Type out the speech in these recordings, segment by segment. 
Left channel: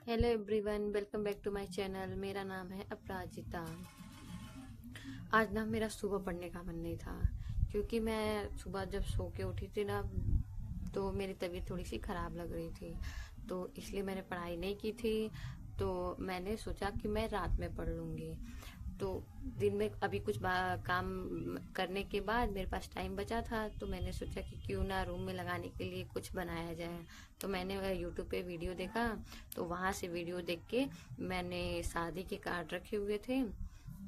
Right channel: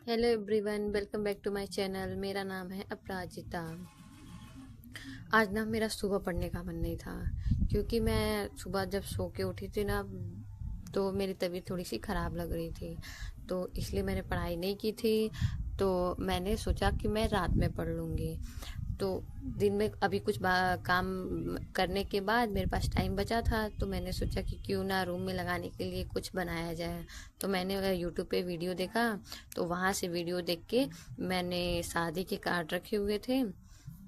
Hello everyone, welcome back to my channel. मेरा नाम है अपराजिता। आज ना मेरा सुबह पढ़ने का मन नहीं था, क्योंकि मैं सुबह जब सो के उठी थी ना, तो मेरी तबीयत थोड़ी सी ख़राब लग रही थी, तो इसलिए मैंने पढ़ाई नहीं की थी। तो मैंने सोचा कि मैं रात में पढ़ लूँगी। तो दिन में अभी कुछ काम करने के बाद मेरे पास टाइम बचा था, तो मैंने सोचा कि क्यों ना रूम में लगाने के लिए कुछ बनाया जाए। तो मैंने यूट्यूब पे वीडियो देखा, तो वहाँ से वीडियो देख के मैंने शादी के कार्ड रखे हुए थे,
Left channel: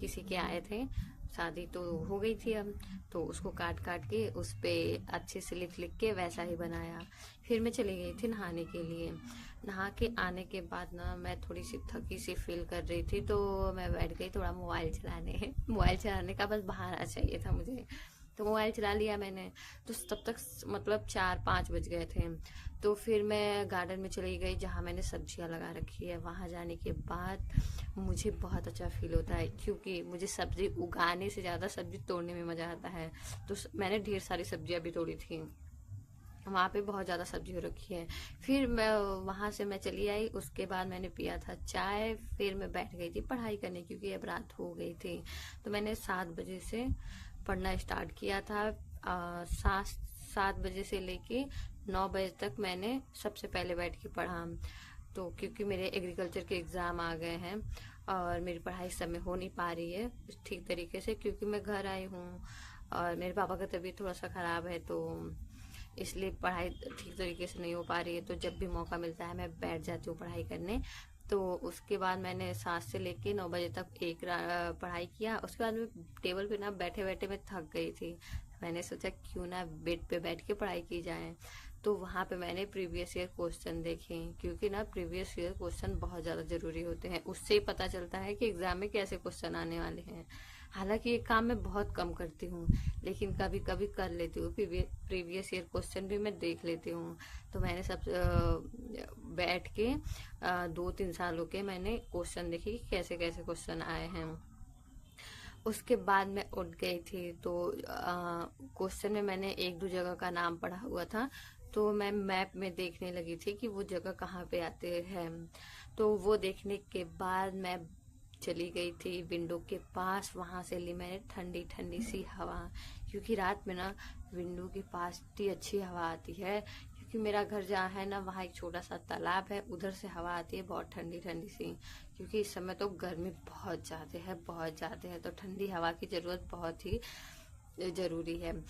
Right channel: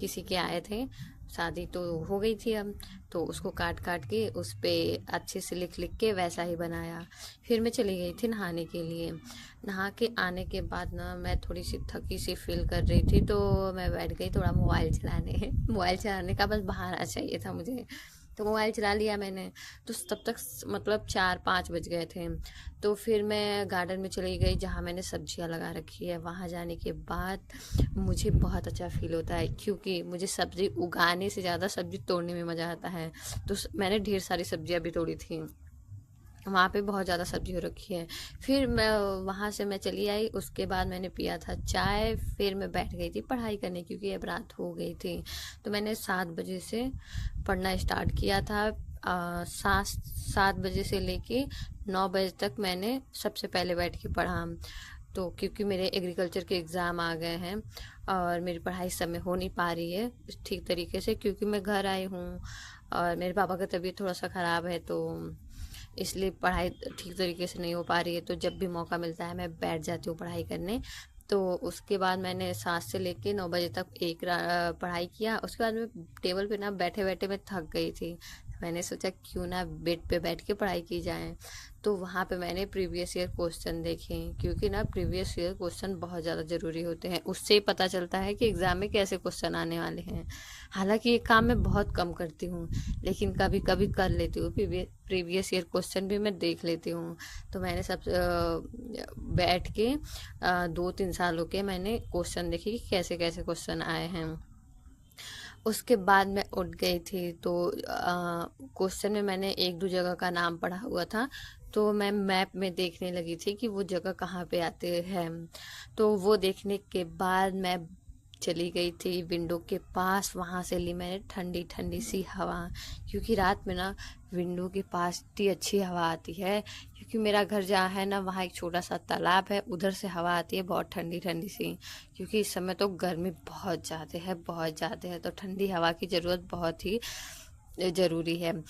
किसी के आए थे, शादी तो हो गई थी अब, तो उसको काट काट के उस पे अच्छे से लिख लिख के वैसा ही बनाया। फिर मैं चली गई थी नहाने के लिए। नहा के आने के बाद ना मैं थोड़ी सी थकी सी फील कर रही थी, तो मैं बैठ गई थोड़ा मोबाइल चलाने। मोबाइल चलाने का बस बहाना चाहिए था मुझे, तो मोबाइल चला लिया मैंने। तो तब तक मतलब 4-5 बज गए थे। तो फिर मैं गार्डन में चली गई जहाँ मैंने सब्जियां लगा रखी है। वहाँ जाने के बाद मुझे बहुत अच्छा फील होता है, क्योंकि मुझे सब्जी उगाने से ज़्यादा सब्जी तोड़ने में मज़ा आता है। तो मैंने ढेर सारी सब्जियां भी तोड़ी थी। वहाँ पे बहुत ज़्यादा सब्जी हो रखी है। फिर मैं वहाँ से मैं चली आई, उसके बाद मैंने पिया था चाय। फिर मैं बैठ गई थी पढ़ाई करने, क्योंकि अब रात हो गई थी। तो मैंने 7 बजे से पढ़ना स्टार्ट किया था। 7 बजे से लेके 9 बजे तक मैंने सबसे पहले बैठ के पढ़ा। तो क्योंकि मेरे एग्रीकल्चर के एग्ज़ाम आ गए हैं और मेरी पढ़ाई समय हो नहीं पा रही है ठीक तरीके से, क्योंकि मैं घर आई हूँ और मेरे पापा का तबीयत थोड़ा सा ख़राब है, तो इसलिए पढ़ाई ठीक तरीके से नहीं हो पा रही है। तो जब भी मौका मिलता है मैं बैठ जाती हूँ पढ़ाई करने। तो उसके बाद मैंने 7 से लेके 9 बजे तक पढ़ाई किया। उसके बाद मैं टेबल पे ना बैठे बैठे मैं थक गई थी। मैंने सोचा क्यों ना बेड पे बैठ के पढ़ाई की जाए। तो वहाँ पे मैंने प्रीवियस ईयर क्वेश्चन देखे, क्योंकि ना प्रीवियस ईयर क्वेश्चन बहुत ज़्यादा ज़रूरी होते हैं। उससे ही पता चलता है कि एग्ज़ाम में कैसे क्वेश्चन आने वाले हैं। हालांकि ये काम मैं बहुत कम करती हूँ, लेकिन कभी कभी कर लेती हूँ। प्रीवियस ईयर क्वेश्चन भी मैं देख लेती हूँ। तो मैंने सब बैठ के 2-3 सालों के मैंने क्वेश्चन देखे कि कैसे कैसे क्वेश्चन आए हैं। उसके बाद मैं उठ गई थी, तो क्वेश्चन में मैंने एक दो जगह का नाम पढ़ा हुआ था, तो मैं मैप में देखने लगी थी कि वो जगह कहाँ पे आते हैं। तो वो देखने के बाद मैं चली गई थी विंडो के पास। वहाँ से ली मैंने ठंडी ठंडी सी हवा, क्योंकि रात में ना विंडो के पास इतनी अच्छी हवा आती है। क्योंकि मेरा घर जहाँ है ना, वहाँ एक छोटा सा तालाब है, उधर से हवा आती है बहुत ठंडी ठंडी सी। क्योंकि इस समय तो गर्मी बहुत ज़्यादा है, बहुत ज़्यादा है, तो ठंडी हवा की ज़रूरत बहुत ही ज़रूरी है।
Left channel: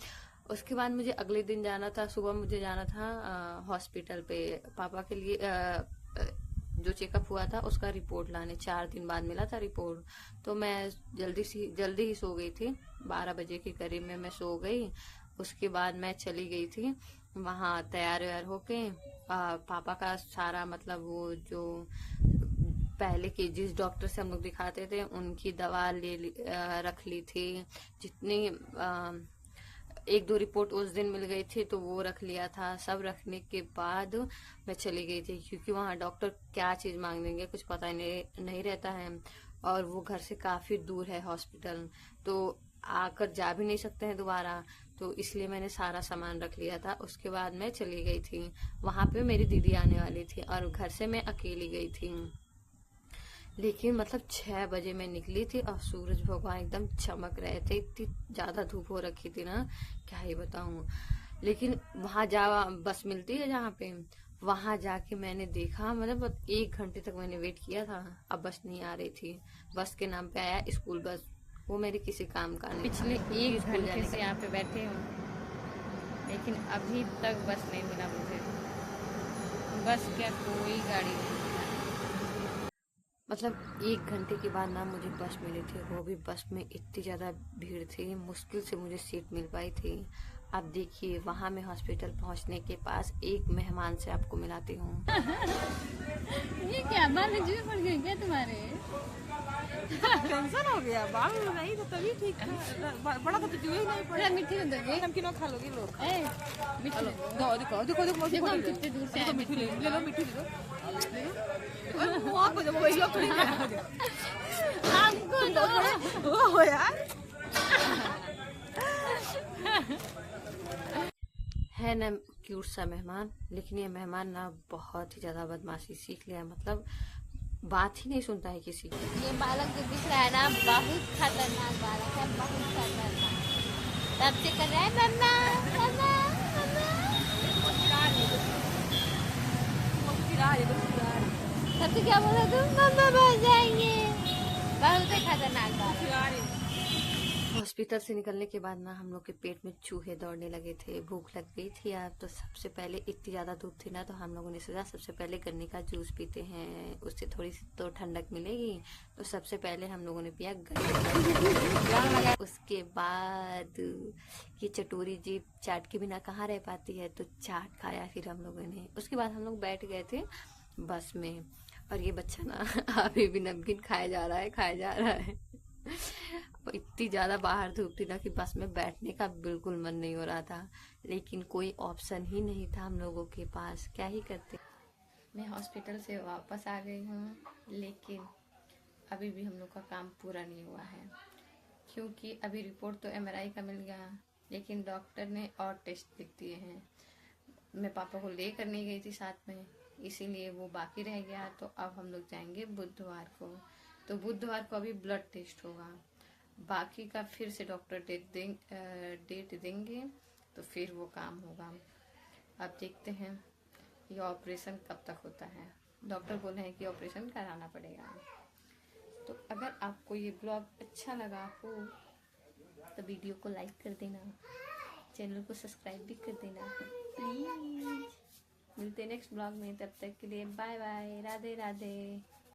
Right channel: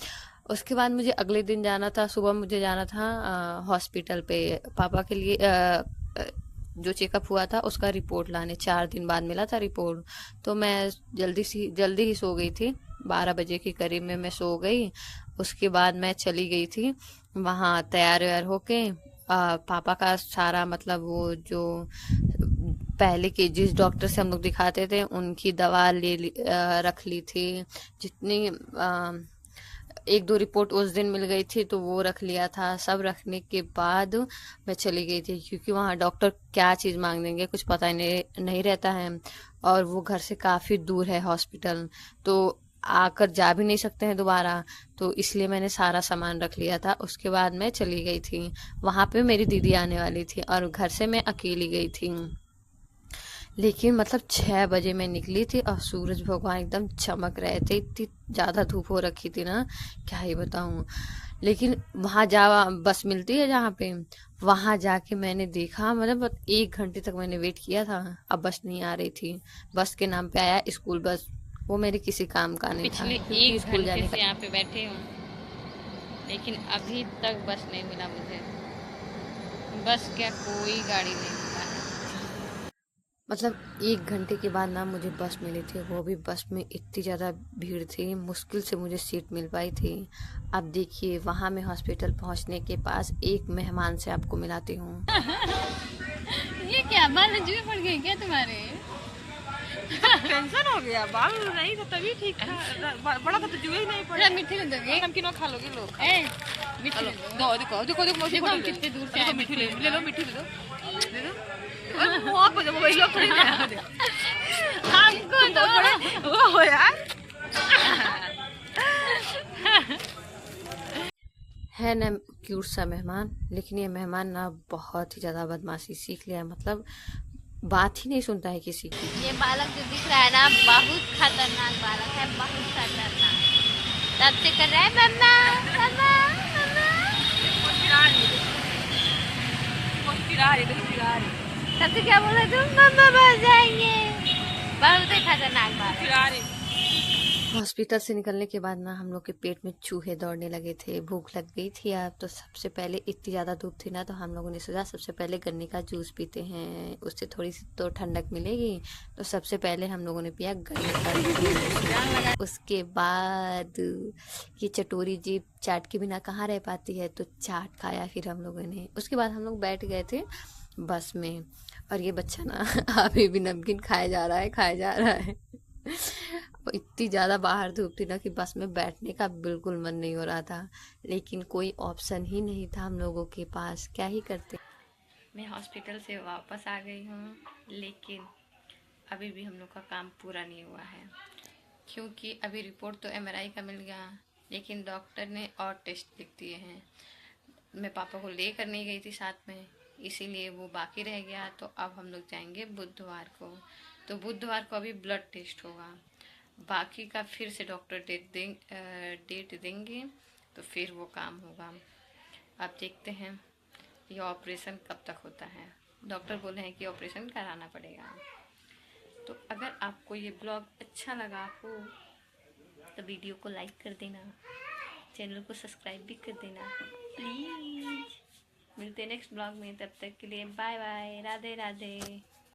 उसके बाद मुझे अगले दिन जाना था, सुबह मुझे जाना था हॉस्पिटल पे पापा के लिए। जो चेकअप हुआ था उसका रिपोर्ट लाने 4 दिन बाद मिला था रिपोर्ट। तो मैं जल्दी ही सो गई थी, 12 बजे के करीब में मैं सो गई। उसके बाद मैं चली गई थी वहाँ तैयार व्यार होके। पापा का सारा मतलब वो जो पहले के जिस डॉक्टर से हम लोग दिखाते थे उनकी दवा रख ली थी। जितनी एक दो रिपोर्ट उस दिन मिल गई थी, तो वो रख लिया था। सब रखने के बाद मैं चली गई थी, क्योंकि वहाँ डॉक्टर क्या चीज़ मांग देंगे कुछ पता ही नहीं रहता है। और वो घर से काफ़ी दूर है हॉस्पिटल, तो आकर जा भी नहीं सकते हैं दोबारा। तो इसलिए मैंने सारा सामान रख लिया था। उसके बाद मैं चली गई थी। वहाँ पे मेरी दीदी आने वाली थी और घर से मैं अकेली गई थी। लेकिन मतलब 6 बजे मैं निकली थी और सूरज भगवान एकदम चमक रहे थे। इतनी ज़्यादा धूप हो रखी थी ना, क्या ही बताऊँ। लेकिन वहाँ जा बस मिलती है जहाँ पे, वहाँ जाके मैंने देखा, मतलब 1 घंटे तक मैंने वेट किया था। अब बस नहीं आ रही थी। बस के नाम पे आया स्कूल बस, वो मेरे किसी काम का नहीं था। पिछले क्योंकि एक स्कूल घंटे जाने से का यहाँ पे बैठे हूँ, लेकिन अभी तक बस नहीं मिला मुझे। बस क्या, कोई गाड़ी नहीं मिला है। मतलब 1 घंटे के बाद ना मुझे बस मिली थी। वो भी बस में इतनी ज़्यादा भीड़ थी, मुश्किल से मुझे सीट मिल पाई थी। अब देखिए, वहाँ मैं हॉस्पिटल पहुँचने के पास एक मेहमान से आपको मिलाती हूँ। ये क्या बाल जुए पड़ गए क्या तुम्हारे? टेंशन हो गया, बाल नहीं था तभी ठीक था। बड़ा था तो जुए ही नहीं पड़े। थोड़ा मीठी दे दोगे? नमकीन खा लोगे लोग। ए, मीठी दे दो। देखो देखो देखो देखो देखो हम कितने दूर से आए। मीठी ले लो, मीठी ले दो, ले दो। अरे मुंह पे जब वही लोग थोड़ी ना हमको दो। वो हो यार। है न, क्यूट सा मेहमान, लेकिन ये मेहमान ना बहुत ही ज़्यादा बदमाशी सीख लिया है, मतलब बात ही नहीं सुनता है किसी की। ये बालक जो दिख रहा है ना, बहुत खतरनाक बालक है, बहुत खतरनाक। तब से कर रहा है मम्मा मम्मा मम्मा, तब से क्या बोल रहे तुम? मम्मा बच जाएंगे। बहुत ही खतरनाक बालक। हॉस्पिटल से निकलने के बाद ना हम लोग के पेट में चूहे दौड़ने लगे थे, भूख लग गई थी यार। तो सबसे पहले इतनी ज़्यादा धूप थी ना, तो हम लोगों ने सोचा सबसे पहले गन्ने का जूस पीते हैं, उससे थोड़ी सी तो ठंडक मिलेगी। तो सबसे पहले हम लोगों ने पिया गन्ने का जूस। उसके बाद ये चटोरी जीभ चाट के बिना कहाँ रह पाती है, तो चाट खाया फिर हम लोगों ने। उसके बाद हम लोग बैठ गए थे बस में, और ये बच्चा ना अभी भी नमकीन खाया जा रहा है, खाया जा रहा है। इतनी ज़्यादा बाहर धूप थी ना कि बस में बैठने का बिल्कुल मन नहीं हो रहा था, लेकिन कोई ऑप्शन ही नहीं था हम लोगों के पास, क्या ही करते। मैं हॉस्पिटल से वापस आ गई हूँ, लेकिन अभी भी हम लोग का काम पूरा नहीं हुआ है, क्योंकि अभी रिपोर्ट तो एमआरआई का मिल गया, लेकिन डॉक्टर ने और टेस्ट लिख दिए हैं। मैं पापा को लेकर नहीं गई थी साथ में, इसीलिए वो बाकी रह गया। तो अब हम लोग जाएंगे बुधवार को, तो बुधवार को अभी ब्लड टेस्ट होगा, बाकी का फिर से डॉक्टर डेट देंगे, तो फिर वो काम होगा। अब देखते हैं ये ऑपरेशन कब तक होता है। डॉक्टर बोले हैं कि ऑपरेशन कराना पड़ेगा। तो अगर आपको ये ब्लॉग अच्छा लगा हो तो वीडियो को लाइक कर देना, चैनल को सब्सक्राइब भी कर देना प्लीज़। मिलते हैं नेक्स्ट ब्लॉग में, तब तक के लिए बाय बाय, राधे राधे।